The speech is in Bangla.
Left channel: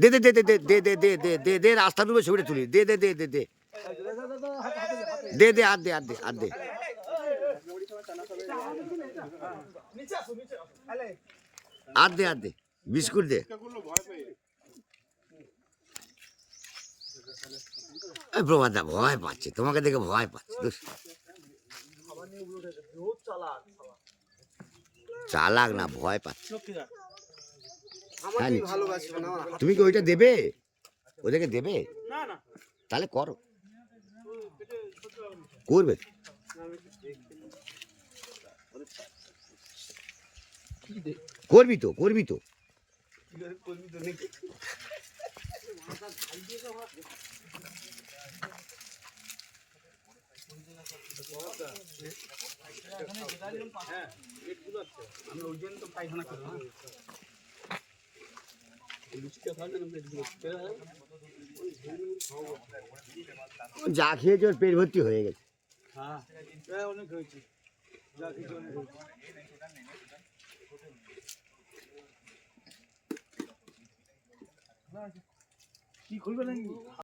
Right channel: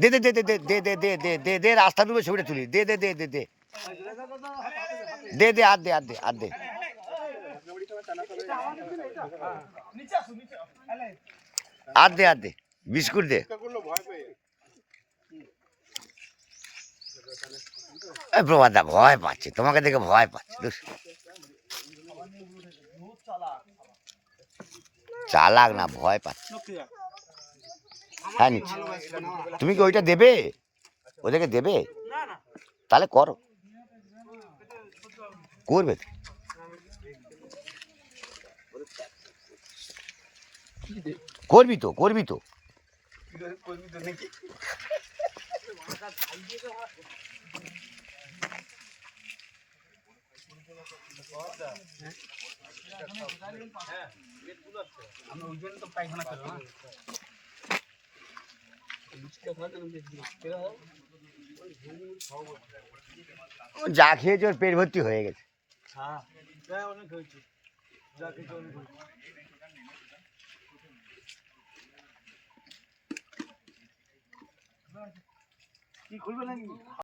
দে দে দে দে দে দে দে দে দে দে দে রাস্তা ডুবে ছবিটা তুলি দে দে দে দে দে দে দে আর দে আর দে আর দে আর দে আর দে বিস্কুট দে প্রভাতদা ভয় পাচ্ছে তোমাকে দেখে ভয় পাচ্ছে চালাক না ভয় পাচ্ছে হ্যাঁ তুমি কি ওইটা দেবে ওদেরকে দেবে তাহলে করো করবে করবি তো করবি তো যা খেয়েছে ওর পেট ভর্তি হয়ে গেছে কি খুলবে নাকি